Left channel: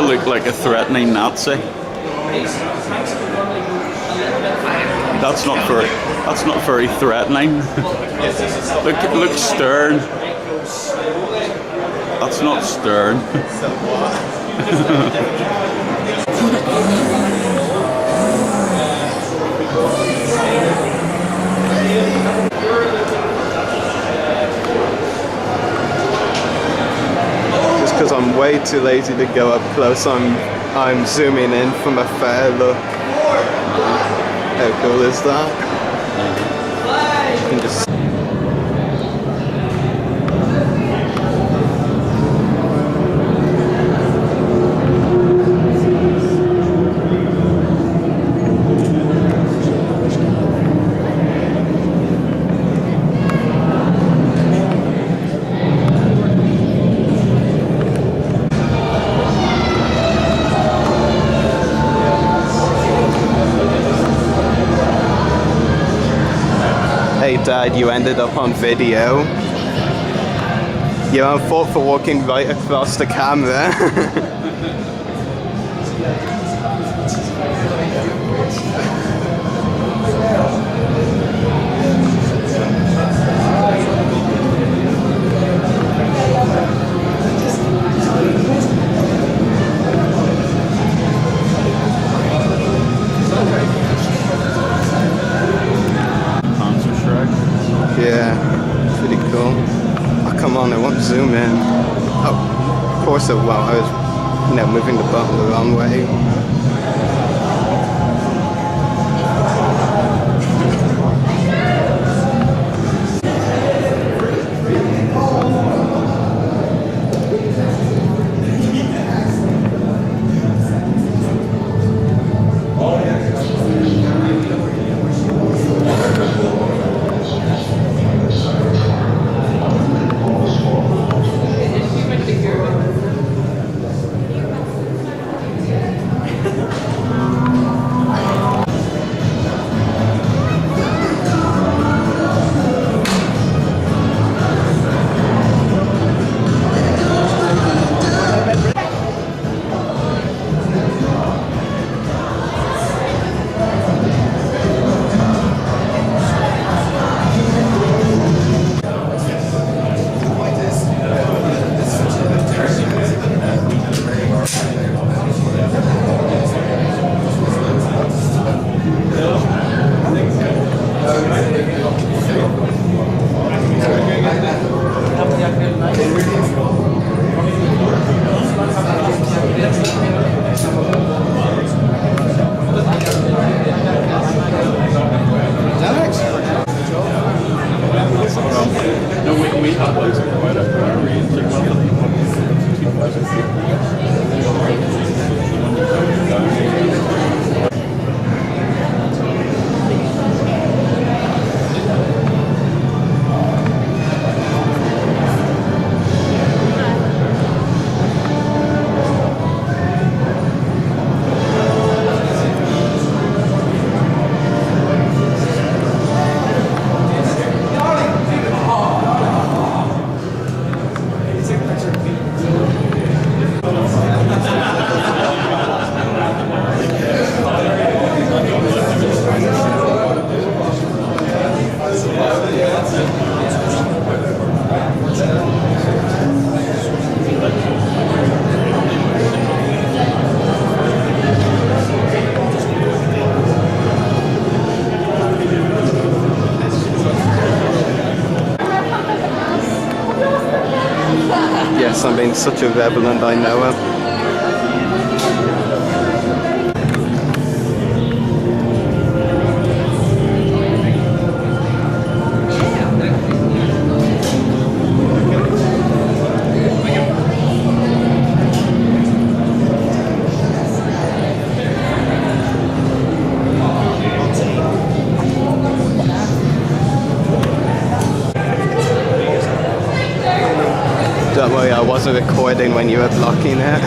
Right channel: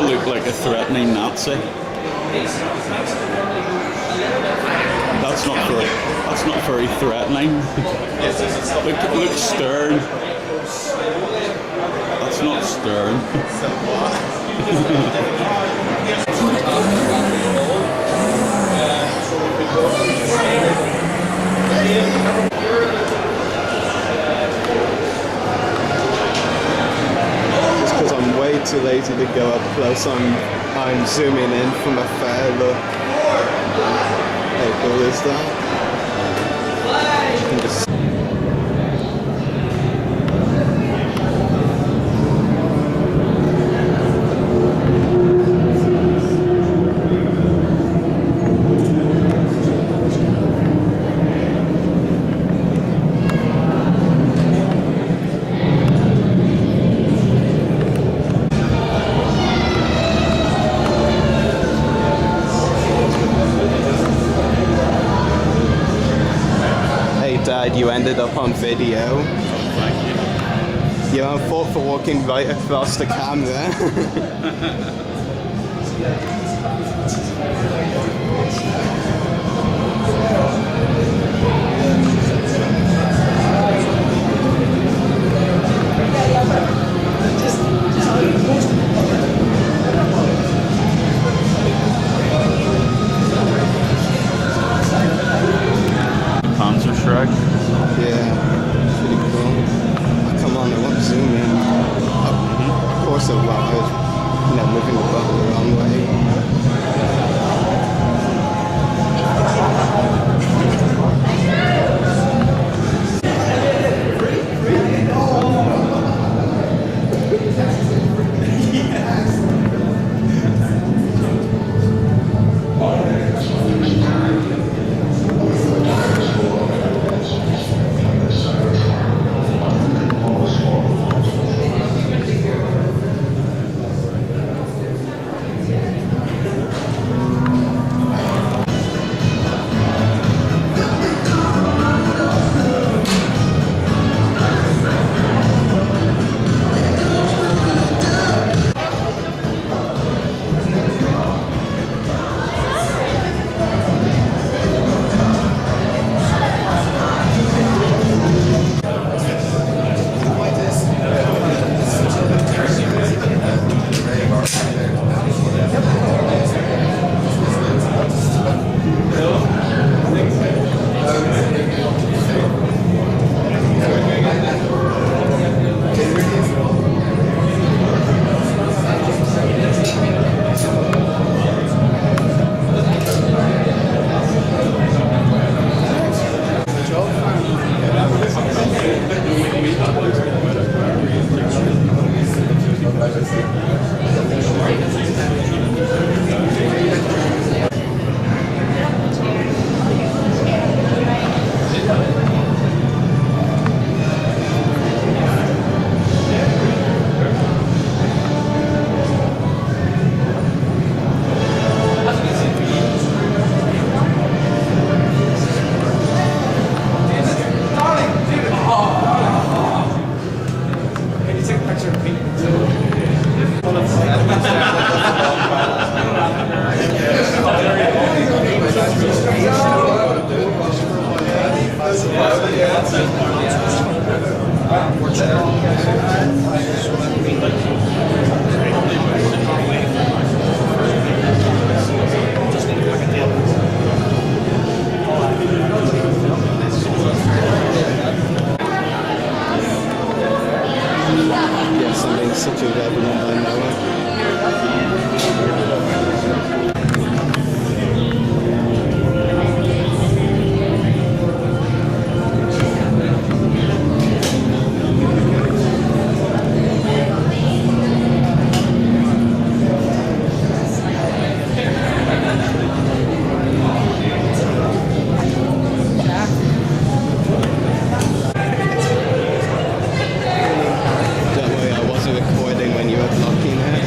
to look like a threatening Nazi. That's not very threatening. Look stern. That's not stern. Just because I'm way too lazy to go up close, I'm zooming in from a fair look. How cool is that? You can just Dad, you ended up on video. You're on fault for walking right across the camera. Yeah, pretty cool. Oh, come on, I won't zoom in. Oh, of course it won't. I was, moving the button the wrong way. I'm being such a rebel and I know it. Don't worry, I wasn't recording when you were blocking it.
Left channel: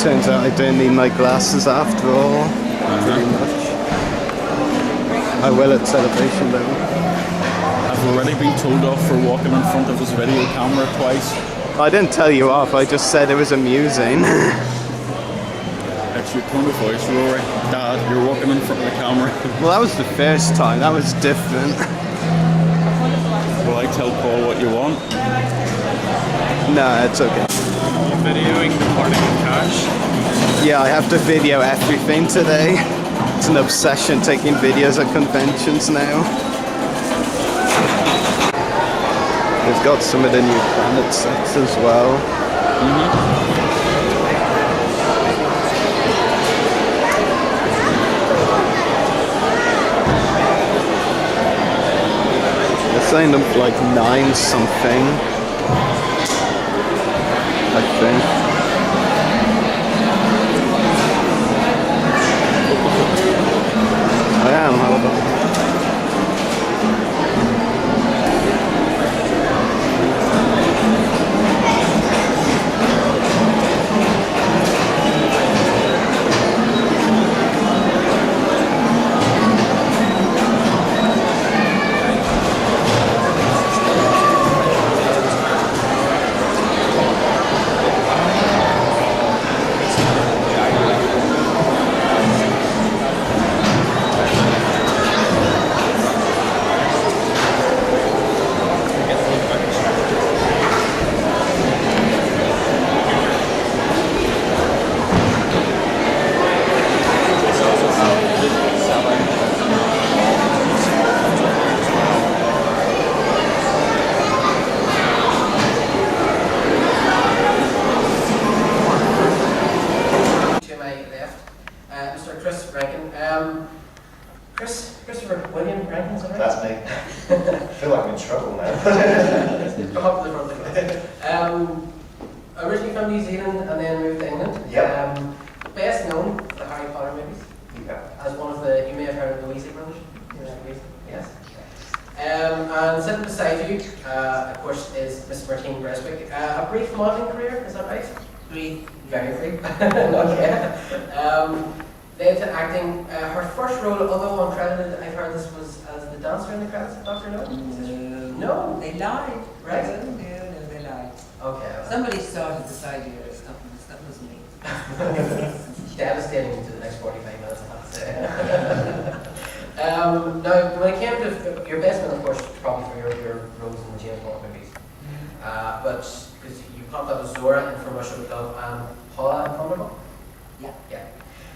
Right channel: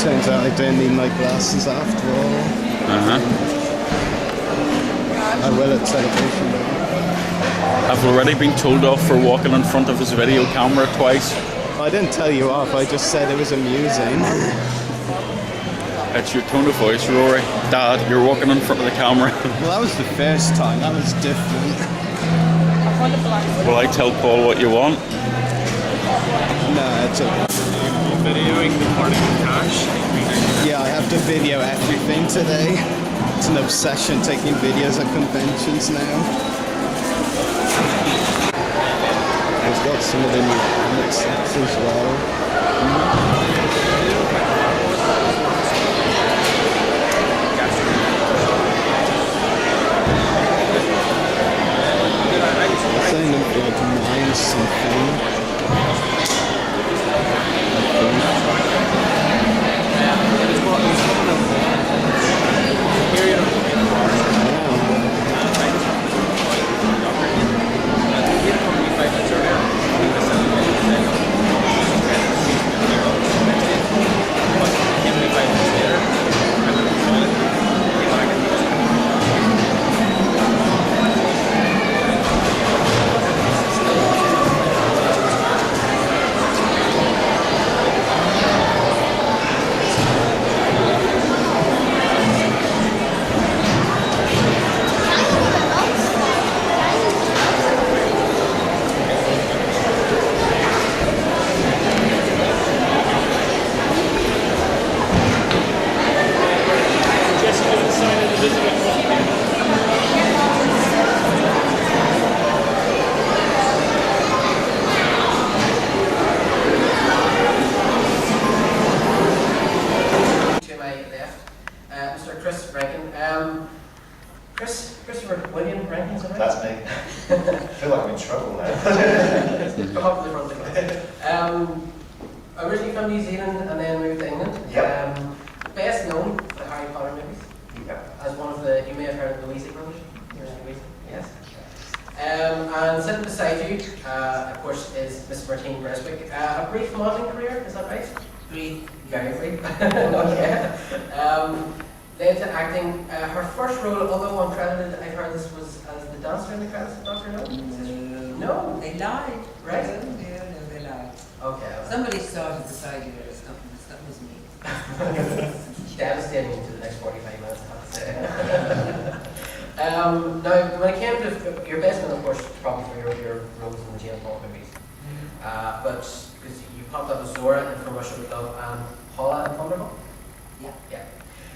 Turns out I don't need my glasses after all. Pretty much. I will at celebration though. I've already been told off for walking in front of his video camera twice. I didn't tell you off, I just said it was amusing. It's your tone of voice, Rory. Dad, you're walking in front of the camera. Well, that was the first time, that was different. Will I tell Paul what you want? No, it's okay. Videoing the morning of cash. Yeah, I have to video everything today. It's an obsession taking videos at conventions now. We've got some of the new planet sets as well. They're saying them like 9 something, I think. Christopher William Rankin, is that right? That's me. I feel like I'm in trouble now. Come up to the front of the originally from New Zealand and then moved to England. Yep. Best known for the Harry Potter movies. Yep. As one of the, you may have heard of the Weasley brothers. Yes. And sitting beside you, of course, is Miss Martine Beswicke. A brief modelling career, is that right? Brief. Very brief. Okay. Led to acting. Her first role, although uncredited, I've heard this was as the dancer in the credits of Dr. No? No. They lied. Right? No, they lied. Okay. Somebody started this idea or something. That was me. Devastating to the next 45 minutes, I have to say. Now, when it came to your best one, of course, probably for your roles in the James Bond movies, but because you popped up as Zora in From Russia with Love and Paula in Thunderball. Yeah. Yeah.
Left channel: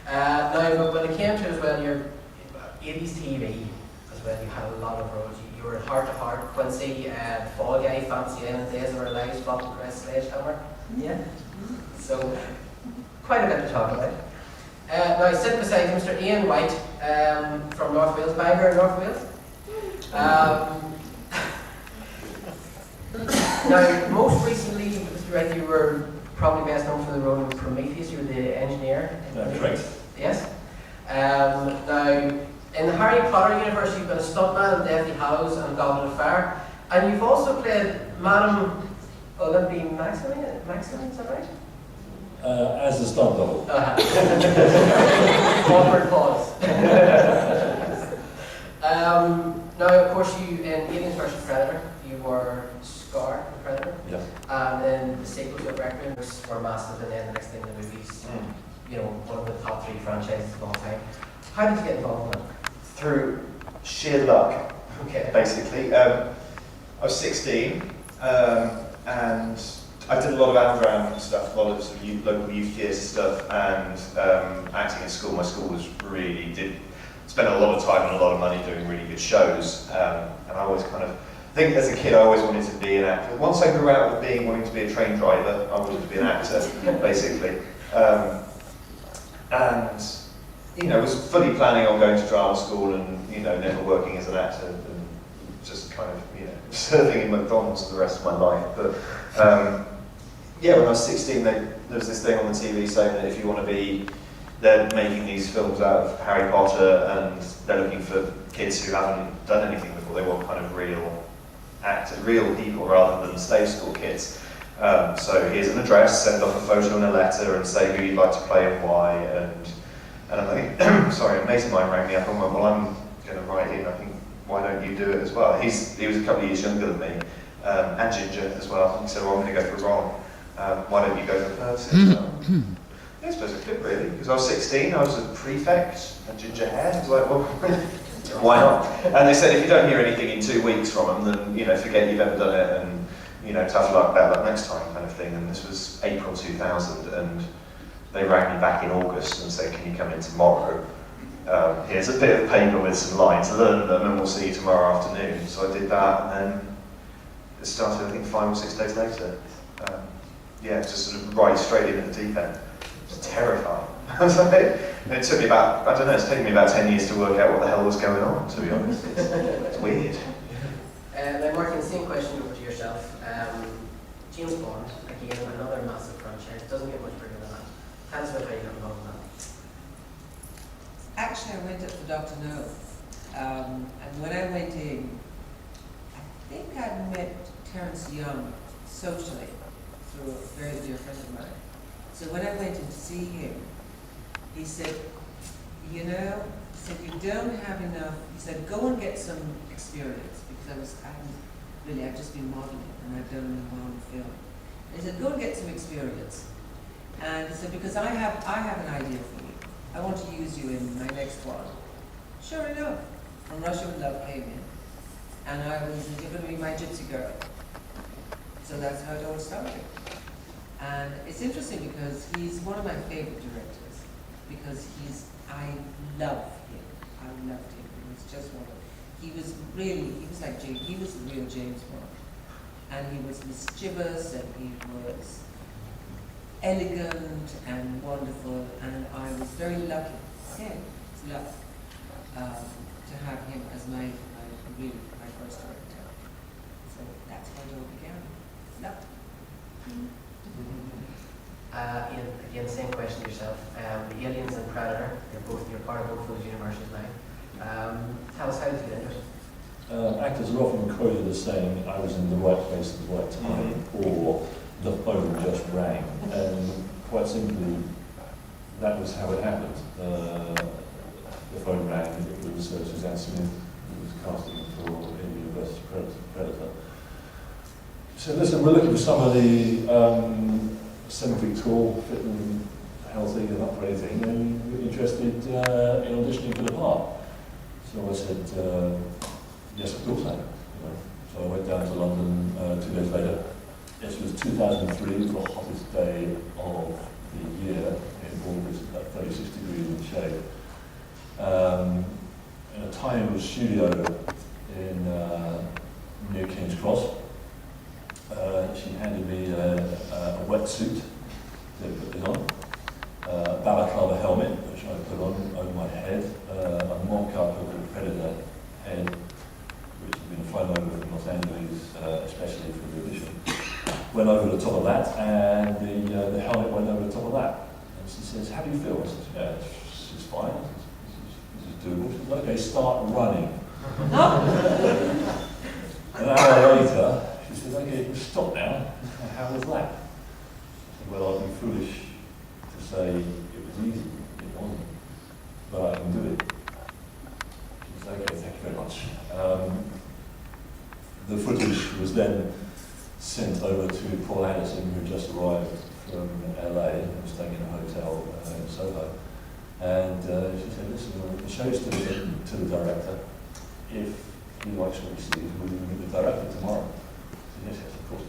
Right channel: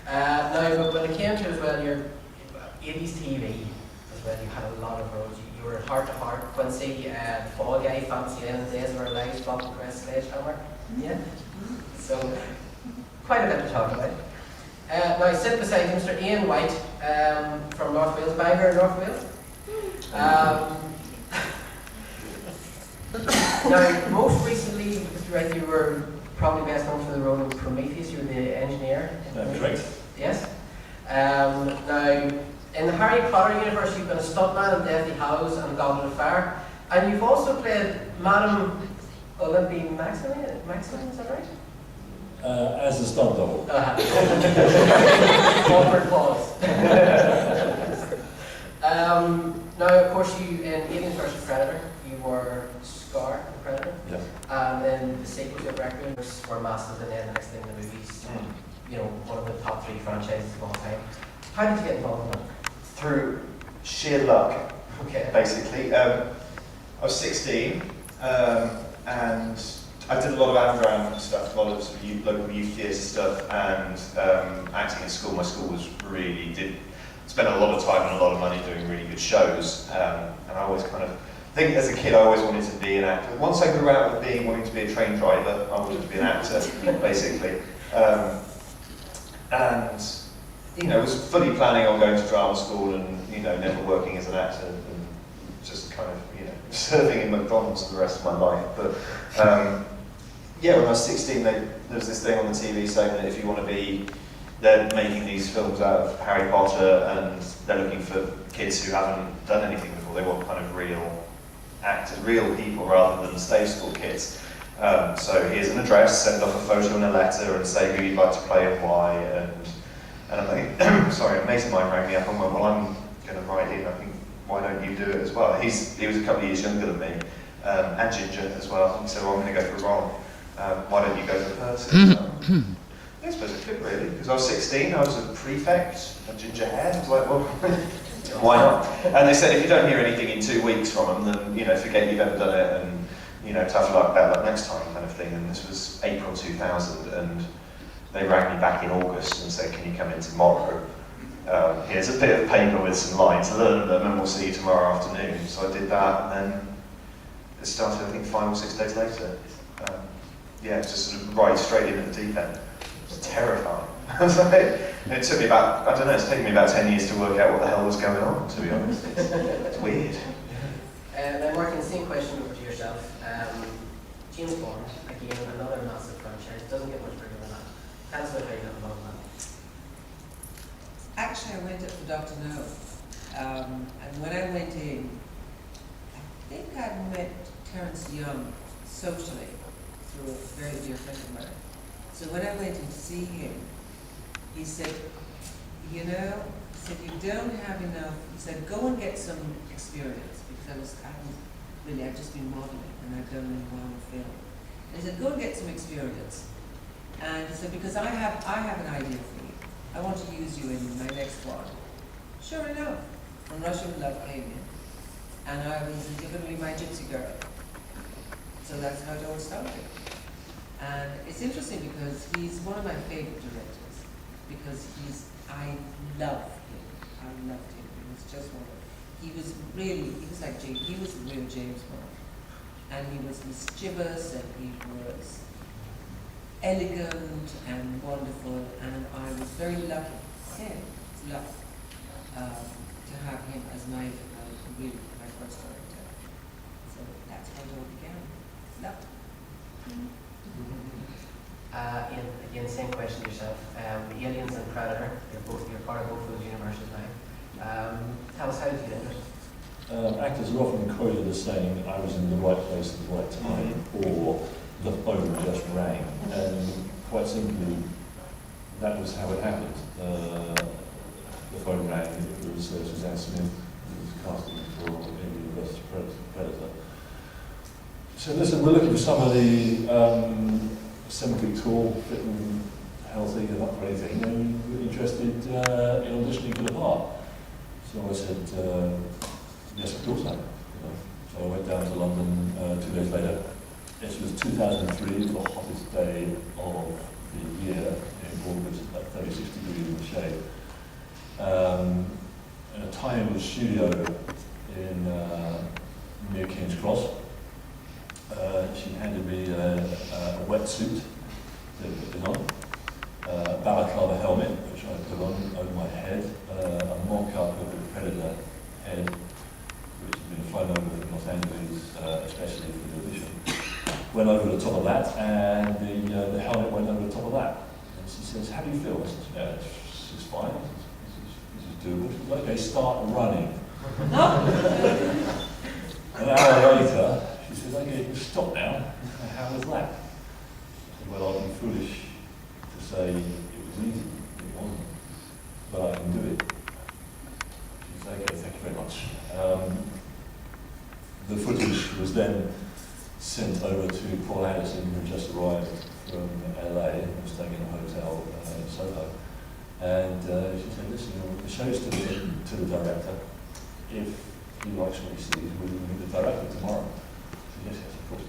Now, but when it came to as well, your 80s TV as well, you had a lot of roles. You were in Heart to Heart, Quincy, Fall Guy, Fancy Island, Days of Our Lives, Bob and Chris, Sledgehammer. Yeah. So, quite a bit to talk about. Now, I sit beside Mr. Ian Whyte from North Wales, Bangor, North Wales. Now, most recently, Mr. Whyte, you were probably best known for the role in Prometheus. You were the engineer. That's right. Yes. Now, in the Harry Potter universe, you've been a stuntman in Deathly Hallows and Goblet of Fire, and you've also played Madame Olympie Maximilian, is that right? As a stunt double. Awkward pause. Now, of course, you in Aliens vs. Predator, you were Scar, the Predator. Yeah. And then the sequel to Requiem were massive, and then the next thing in the movies, you know, one of the top 3 franchises of all time. How did you get involved in that? Through sheer luck, Okay. basically. I was 16, and I did a lot of underground stuff, a lot of sort of local youth theatre stuff, and acting in school. My school was did spend a lot of time and a lot of money doing really good shows, and I always kind of, I think as a kid I always wanted to be an actor. Once I grew out of wanting to be a train driver, I wanted to be an actor, basically. And, you know, was fully planning on going to drama school and, you know, never working as an actor and just kind of, you know, serving in McDonald's for the rest of my life. But, yeah, when I was 16, there was this thing on the TV saying that if you want to be, they're making these films out of Harry Potter and they're looking for kids who haven't done anything before. They want kind of real actors, real people rather than stage school kids. So here's an address, send off a photo and a letter and say who you'd like to play and why. And I'm like, sorry, a mate of mine rang me up and went, well, I'm going to write in, I think, why don't you do it as well? He was a couple of years younger than me, and ginger as well. He said, well, I'm going to go for Ron. Why don't you go for Percy? So, I suppose it could really, because I was 16, I was a prefect, and ginger hair. I was like, well, why not? And they said if you don't hear anything in 2 weeks from them, then forget you've ever done it, and tough luck, bad luck next time, kind of thing. And this was April 2000, and they rang me back in August and said, can you come in tomorrow? Here's a bit of paper with some lines, learn them, and we'll see you tomorrow afternoon. So I did that, and then it started, I think, 5 or 6 days later. Just sort of right straight in at the deep end. It was terrifying. It took me about, I don't know, it's taken me about 10 years to work out what the hell was going on, to be honest. It's weird. Now, Martine, same question over to yourself. James Bond, again, another massive franchise, doesn't get much bigger than that. Tell us about how you got involved in that. Actually, I went up for Dr. No. And when I went in, I think I'd met Terence Young socially through a very dear friend of mine. So when I went in to see him, he said, you don't have enough. He said, go and get some experience, because I'd just been modeling and I've done only one film. And he said, go and get some experience. And he said, because I have an idea for you. I want to use you in my next one. Sure enough, From Russia with Love came in, and he said, you're going to be my gypsy girl. So that's how it all started. And it's interesting because he's one of my favorite directors, because I love him. I loved him. He was just he was like James, he was the real James Bond. And he was mischievous, and he was elegant and wonderful, and I was very lucky, to have him as my first director. So that's how it all began. Love. Ian, again, same question to yourself. Aliens and Predator, you're part of both those universes now. Tell us, how did you get into it? Actors are often quoted as saying, I was in the right place at the right time, or the phone just rang. And quite simply, that was how it happened. The phone rang, it was Suzanne Smith who was casting for Alien vs Predator. She said, listen, we're looking for somebody 7 feet tall, fit and healthy and up for anything. Are you interested in auditioning for the part? So I said, yes, of course I am. So I went down to London 2 days later. This was 2003, it was the hottest day of the year in August, about 36 degrees in the shade. In a tiny studio in near King's Cross. She handed me a wetsuit to put this on, a balaclava helmet, which I put on over my head, a mock-up of the Predator head, which had been flown over from Los Angeles, especially for the audition. Went over the top of that, and the helmet went over the top of that. And she says, how do you feel? I said, yeah, it's fine. This is doable. She said, okay, start running. An hour later, she said, okay, you can stop now. How was that? I said, well, I'd be foolish to say it was easy. It wasn't. But I can do it. She said, okay, thank you very much. The footage was then sent over to Paul Anderson, who just arrived from LA and was staying in a hotel in Soho. And she said, listen, the show's to the director. If he likes what he sees, will you meet the director tomorrow? I said, yes, of course.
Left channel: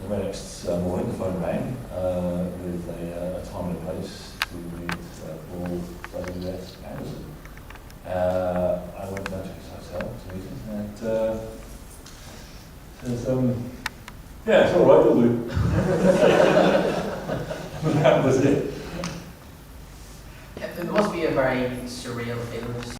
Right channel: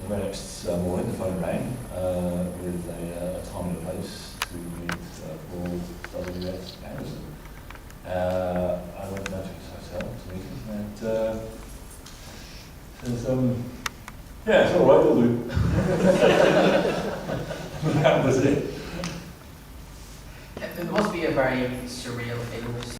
The very next morning, the phone rang with a time and a place to meet Paul W.S. Anderson. I went down to his hotel to meet him, and says, yeah, it's all right, we'll do. That was it.